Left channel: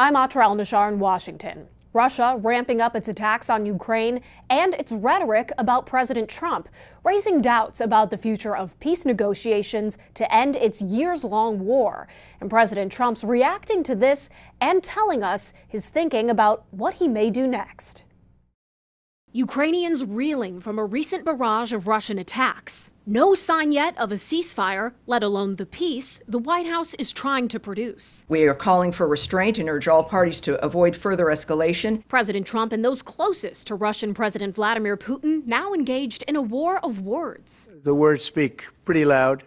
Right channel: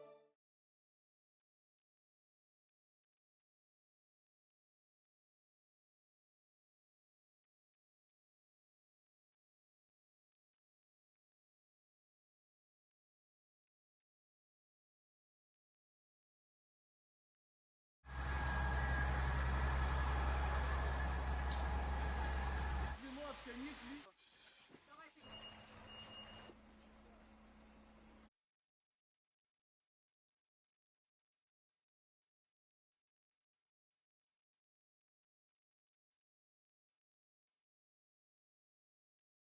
I'm Atra El-Nashar in Washington. Russia ramping up its attacks on Ukraine and its rhetoric about President Trump, raising doubts about the future of peace negotiations to end its years-long war. And President Trump's reacting to this and telling us his thinking about what he may do next. Ukrainians reeling from a recent barrage of Russian attacks. No sign yet of a ceasefire, let alone the peace the White House is trying to produce. We are calling for restraint and urge all parties to avoid further escalation. President Trump and those closest to Russian President Vladimir Putin now engaged in a war of words. The words speak pretty loud.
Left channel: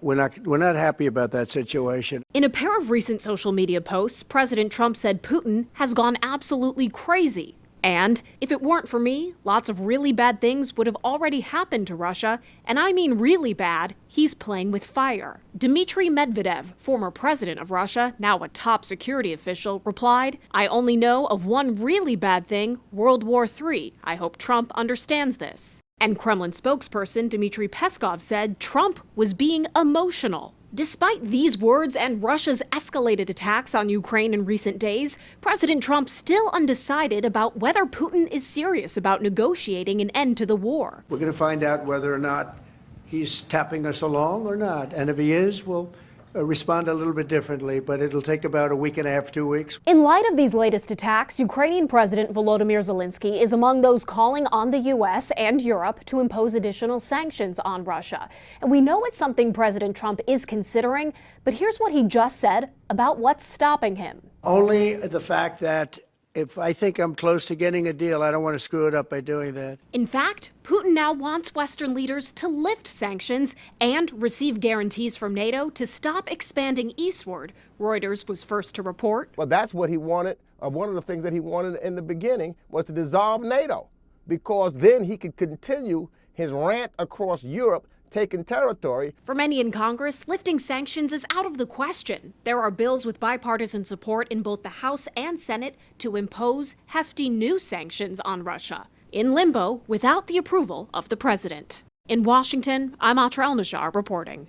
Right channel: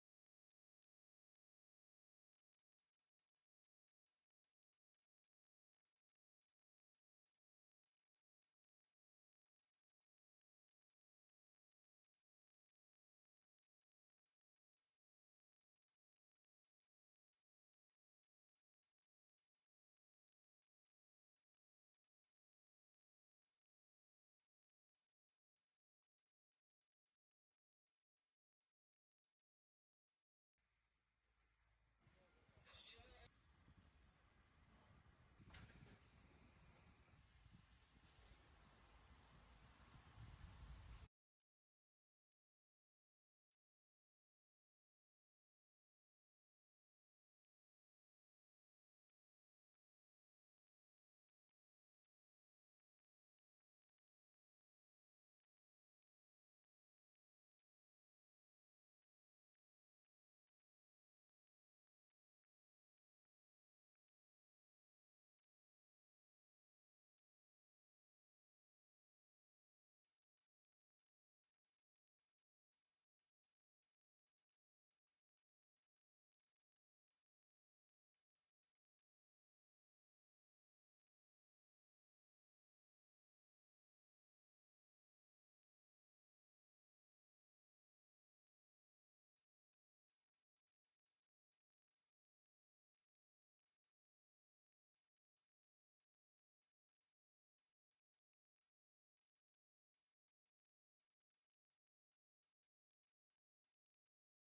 We're not happy about that situation. In a pair of recent social media posts, President Trump said Putin has gone absolutely crazy. And if it weren't for me, lots of really bad things would have already happened to Russia, and I mean really bad. He's playing with fire. Dmitry Medvedev, former president of Russia, now a top security official, replied, "I only know of one really bad thing, World War III. I hope Trump understands this." And Kremlin spokesperson Dmitry Peskov said Trump was being emotional. Despite these words and Russia's escalated attacks on Ukraine in recent days, President Trump still undecided about whether Putin is serious about negotiating an end to the war. We're going to find out whether or not he's tapping us along or not. And if he is, we'll respond a little bit differently, but it'll take about a week and a half, 2 weeks. In light of these latest attacks, Ukrainian President Volodymyr Zelensky is among those calling on the U.S. and Europe to impose additional sanctions on Russia. And we know it's something President Trump is considering, but here's what he just said about what's stopping him. Only the fact that if I think I'm close to getting a deal, I don't want to screw it up by doing that. In fact, Putin now wants Western leaders to lift sanctions and receive guarantees from NATO to stop expanding eastward. Reuters was first to report. Well, that's what he wanted. One of the things that he wanted in the beginning was to dissolve NATO, because then he could continue his rant across Europe, taking territory. For many in Congress, lifting sanctions is out of the question. There are bills with bipartisan support in both the House and Senate to impose hefty new sanctions on Russia, in limbo without the approval of the president. In Washington, I'm Atra El-Nashar reporting.